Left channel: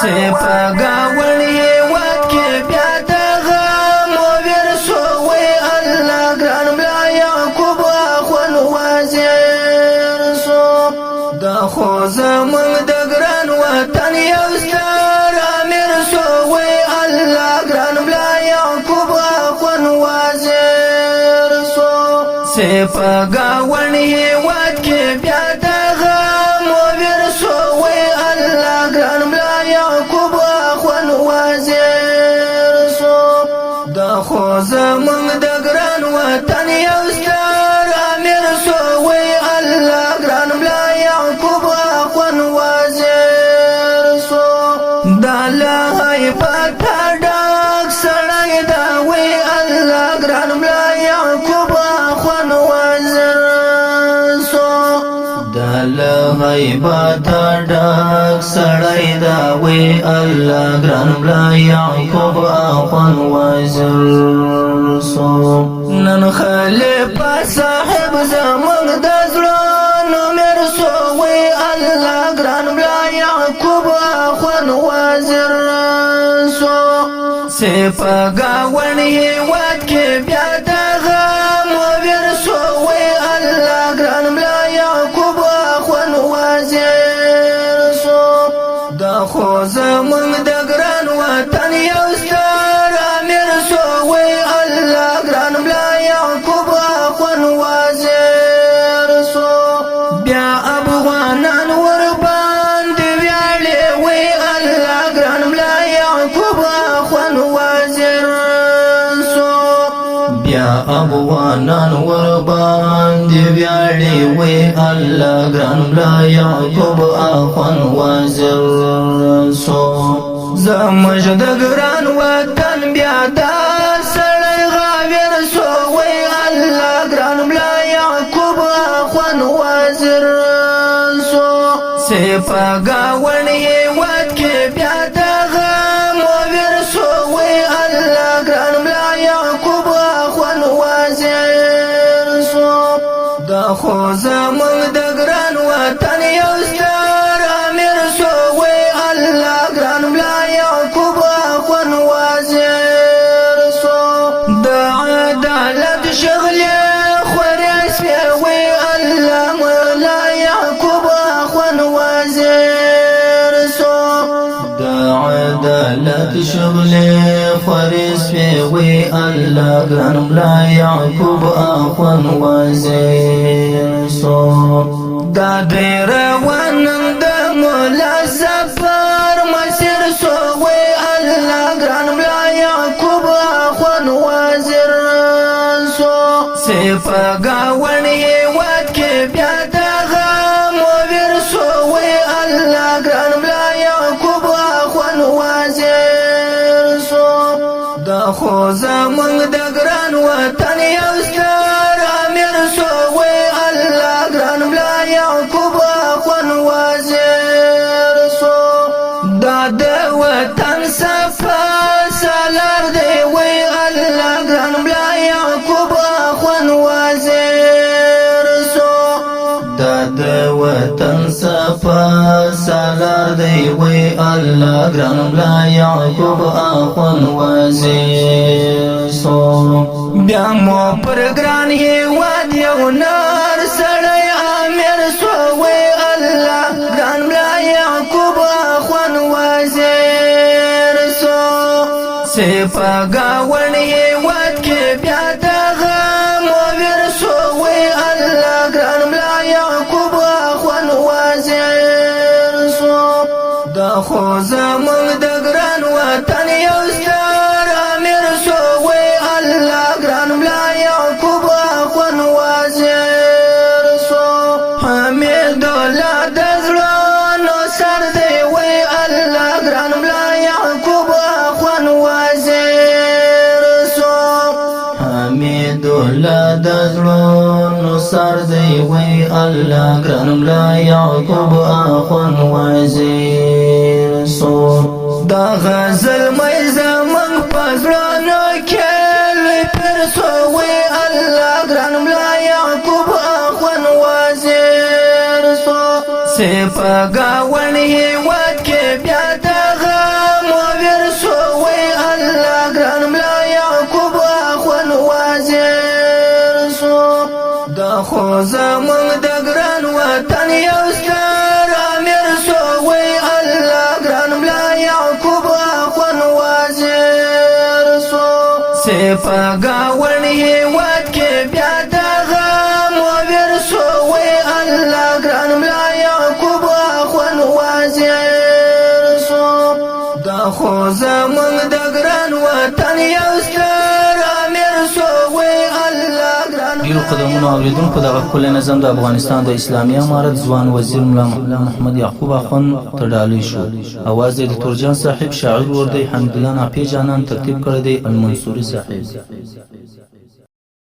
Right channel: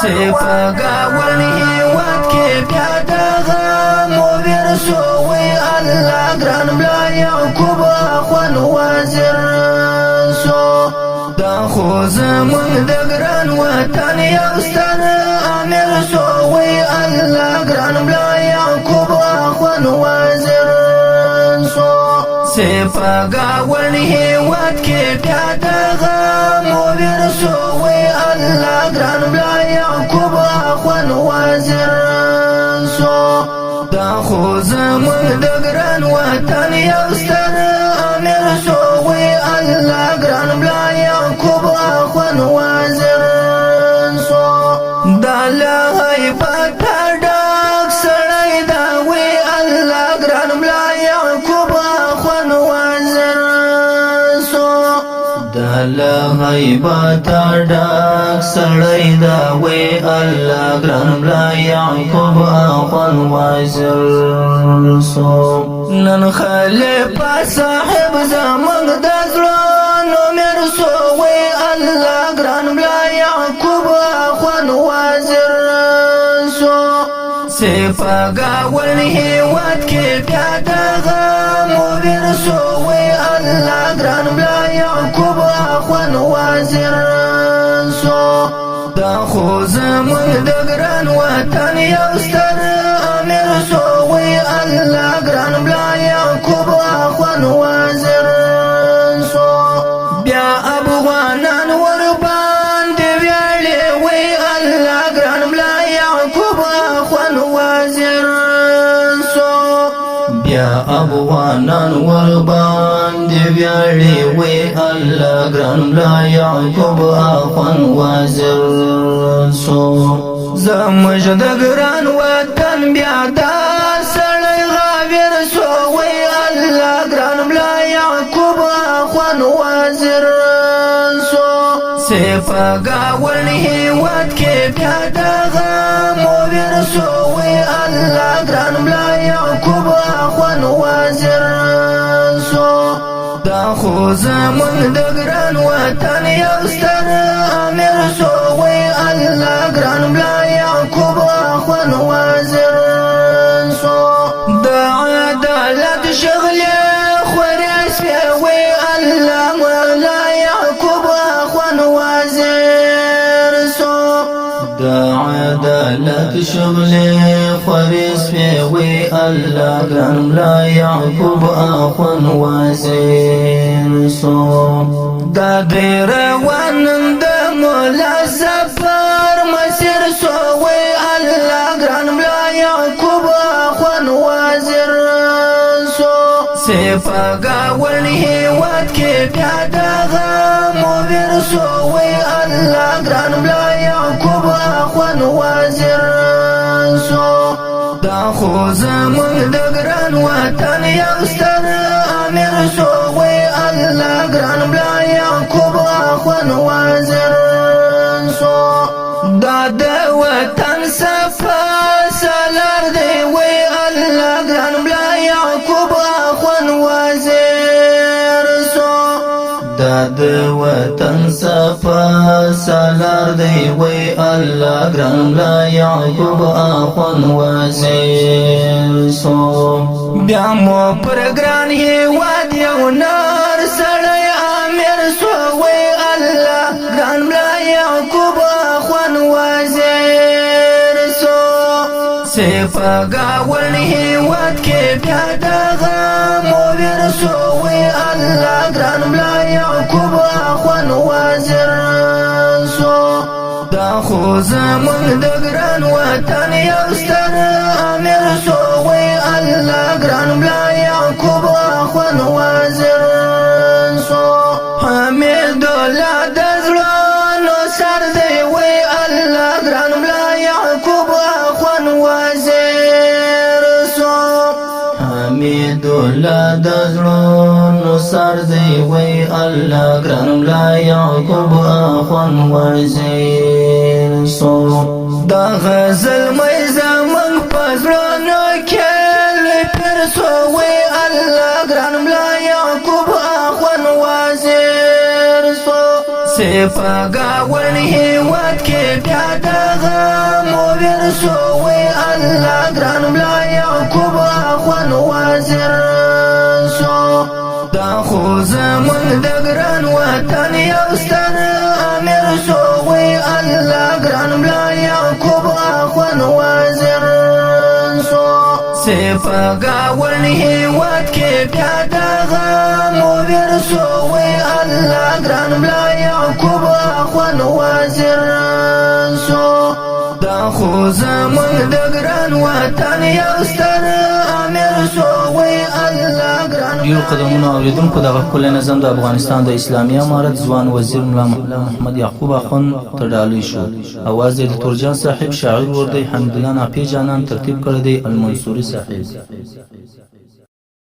سپاگاونی وقت کے پیادغا مویر سووی اللہ گران بلا یعقوب اخوان وازیسو دا خوزمون دگران وطن یوستا امیر سووی اللہ گران بلا یعقوب اخوان وازیسو سپاگاونی وقت کے پیادغا مویر سووی اللہ گران بلا یعقوب اخوان وازیسو دا خوزمون دگران وطن یوستا امیر سووی اللہ گران بلا یعقوب اخوان وازیسو دا لہی پتا ڈاک سڑای داوی اللہ گران بلا یعقوب اخوان وازیسو دا لہی پتا ڈاک سڑای داوی اللہ گران بلا یعقوب اخوان وازیسو نن خلیفہ صاحب زمان دزلانو میر سووی اللہ گران بلا یعقوب اخوان وازیسو سپاگاونی وقت کے پیادغا مویر سووی اللہ گران بلا یعقوب اخوان وازیسو دا خوزمون دگران وطن یوستا امیر سووی اللہ گران بلا یعقوب اخوان وازیسو بیا افغانان ورباندې ویاړې وی الله ګران ملا یعقوب اخوان وازیسو بیا افغانان ورباندې ویاړې وی الله ګران ملا یعقوب اخوان وازیسو زموږ د ګران وطن بیا دا سړی غاویر سووی الله ګران ملا یعقوب اخوان وازیسو سپاگاونی وقت کے پیادغا مویر سووی اللہ گران ملا یعقوب اخوان وازیسو دا خوزمون دگران وطن یوستا امیر سووی اللہ گران ملا یعقوب اخوان وازیسو دا عدالت شغلی خوریس پیوی اللہ مولا یعقوب اخوان وازیسو دا عدالت شغلی خوریس پیوی اللہ گران ملا یعقوب اخوان وازیسو دا دیر وانند مولا سفر مسیر سووی اللہ گران ملا یعقوب اخوان وازیسو سپاگاونی وقت کے پیادغا مویر سووی اللہ گران ملا یعقوب اخوان وازیسو دا خوزمون دگران وطن یوستا امیر سووی اللہ گران ملا یعقوب اخوان وازیسو دا د وطن صفا سالار دی وی اللہ گران ملا یعقوب اخوان وازیسو دا د وطن صفا سالار دی وی اللہ گران ملا یعقوب اخوان وازیسو بیا مو پر گران هیواد یو نار سړی امیر سووی اللہ گران ملا یعقوب اخوان وازیسو سپاگاونی وقت کے پیادغا مویر سووی اللہ گران ملا یعقوب اخوان وازیسو دا خوزمون دگران وطن یوستا امیر سووی اللہ گران ملا یعقوب اخوان وازیسو حمید الله دزلانو سر دی وی اللہ گران ملا یعقوب اخوان وازیسو حمید الله دزلانو سر دی وی اللہ گران ملا یعقوب اخوان وازیسو دا غزل مې زمنګ پزړانو کې لوی پر سووی اللہ گران ملا یعقوب اخوان وازیسو سپاگاون هیواد کې بیا دغه مومن سوی الله ګران ملا یعقوب اخوان وازسو دا خو زمون د ګران وطن یو ستر امیر سوی الله ګران ملا یعقوب اخوان وازسو سپاگاون هیواد کې بیا دغه مومن سوی الله ګران ملا یعقوب اخوان وازسو دا خو زمون د ګران وطن یو ستر امیر سوی الله ګران ډیرو قدرمنو اوریدونکو دغه ښکلی نظم د افغانستان د اسلامي امارت ځوان وزیر ملا محمد یعقوب اخوند تر ډالۍ شو. اواز یې د تورجان صاحب، شاعر ور دی حمدالله نافی جانان ترتیب کړی دی المنصوري صاحب.